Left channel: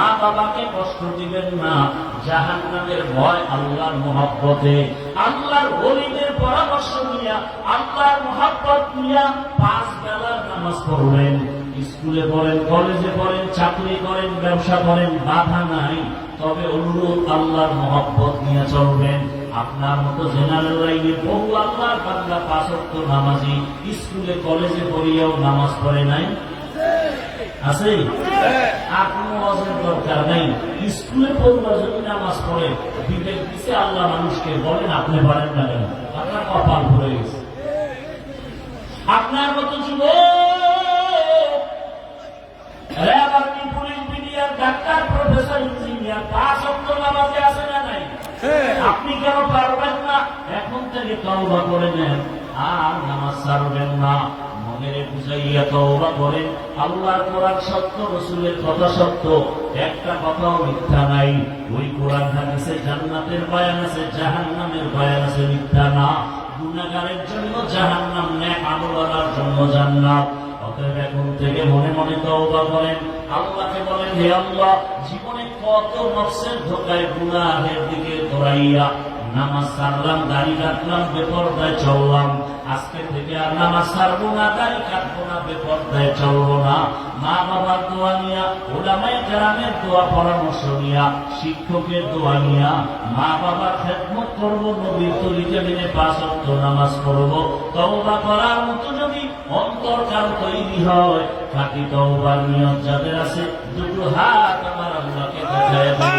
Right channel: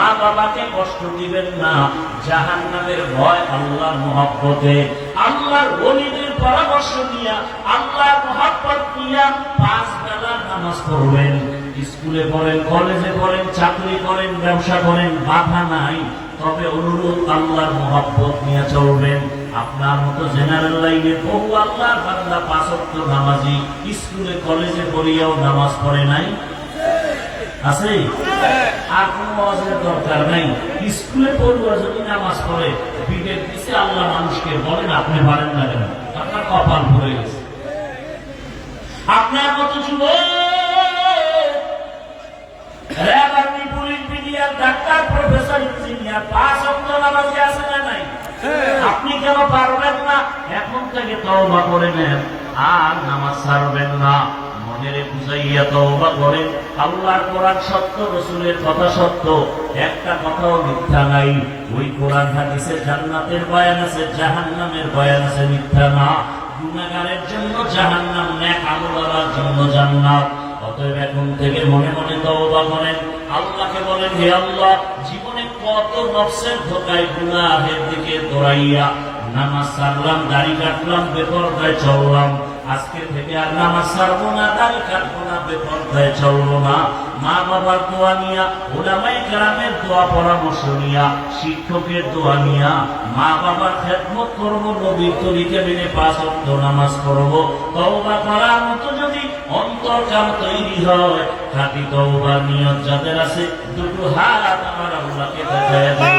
মা বাবাকে কষ্ট দিবেন না, জাহান্নামের ভয় আল্লাহর মহব্বতে, আল্লাহর ওলিদের পরামর্শ নিয়া, আল্লাহর মহব্বত নিয়া 5 বেলা নামাজ পড়বেন। স্কুলে পড়েন, কলেজে পড়েন, চাকরি করেন, ব্যবসা করেন, বাধা নাই, তবে অনুরোধ আল্লাহর মহব্বত নিয়ে চলবেন। আপনার মতো জেনারেল লাইনে বহু আল্লাহর বান্দা 5 ওয়াক্ত নামাজি, স্কুলে কলেজে পড়িয়াও নামাজ পড়ে নাই, আছে? আর কোন ওয়াজের দরকার নাই, স্কুলে পড়ুয়া যদি নামাজ পড়ে, পিঠের পিছে আল্লাহ মানুষকে বলেন আপনি পারেন না কেন? আপনার কপাল ভরে গেছে। আপনার মতো যুবক, RAB, army, police, BDR, doctor, professor, engineer 5 ওয়াক্ত নামাজে আছে না নাই? আপনি কেন পারবেন না? এখন থেকে তওবা করে নেন, আর নামাজ ছাড়বেন না। মনেরে বুঝাইয়া তওবা করেন। আল্লাহর কোরআন সত্য, রাসূলের কথা সত্য, একটা কথাও মিথ্যা নাই। ওই কোরআন হাদিসে জান্নাতের বয়ান আছে, জাহান্নামের বয়ান আছে, মিথ্যা না। গুনাহগারের জন্য জাহান্নাম, নেক আমলওয়ালার জন্য জান্নাত। অতএব এখন থেকে মনে মনে তওবা করেন, আল্লাহকে বলেন, হে আল্লাহ, জীবনে কত নফসের ধোঁকায় গুনাহের দিকে দৌড়াইয়া নামাজ ছাড়লাম, দাড়ি কাটলাম, বেপরদায় চললাম, আজকে থেকে আর নামাজ ছাড়বো না, দাড়ি কাটবো না, বেপরদায় চলবো না। মা বাবার দোয়া নিয়া, উলামায়ে কেরামের দোয়া পরামর্শ নিয়া, শিক্ষকের দোয়া নিয়া মা বাবার খেদমত করবো, নবীর তরিকা মেনে 5 ওয়াক্ত নামাজ পড়বো। তওবা করার মতো যদি অন্তরকাল তৈরি হয়, খাঁটি তওবার নিয়ত যাদের আছে, দুটো হাত আমার আল্লাহকে দেখায় দেন।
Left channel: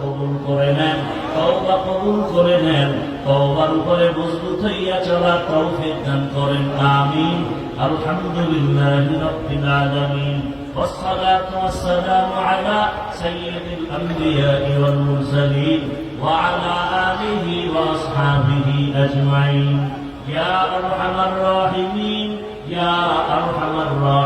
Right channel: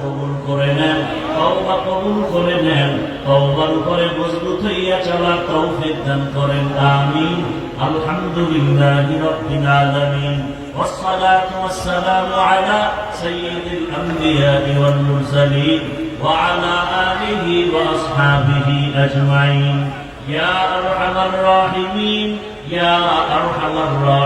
কবুল করে নেন, তওবা কবুল করে নেন, তওবার উপরে মজবুত হইয়া চলার তৌফিক দান করেন, আমিন। আলহামদুলিল্লাহি রাব্বিল আলামিন, ওয়াসসালাতু ওয়াসসালামু আলা সাইয়্যিদিল আমবিয়া'i ওয়াল মুরসালিন ওয়া আলা আলিহি ওয়া আসহাবিহি আজমাইন। ইয়া আরহামার রাহিমিন, ইয়া আরহামার রাহিমিন।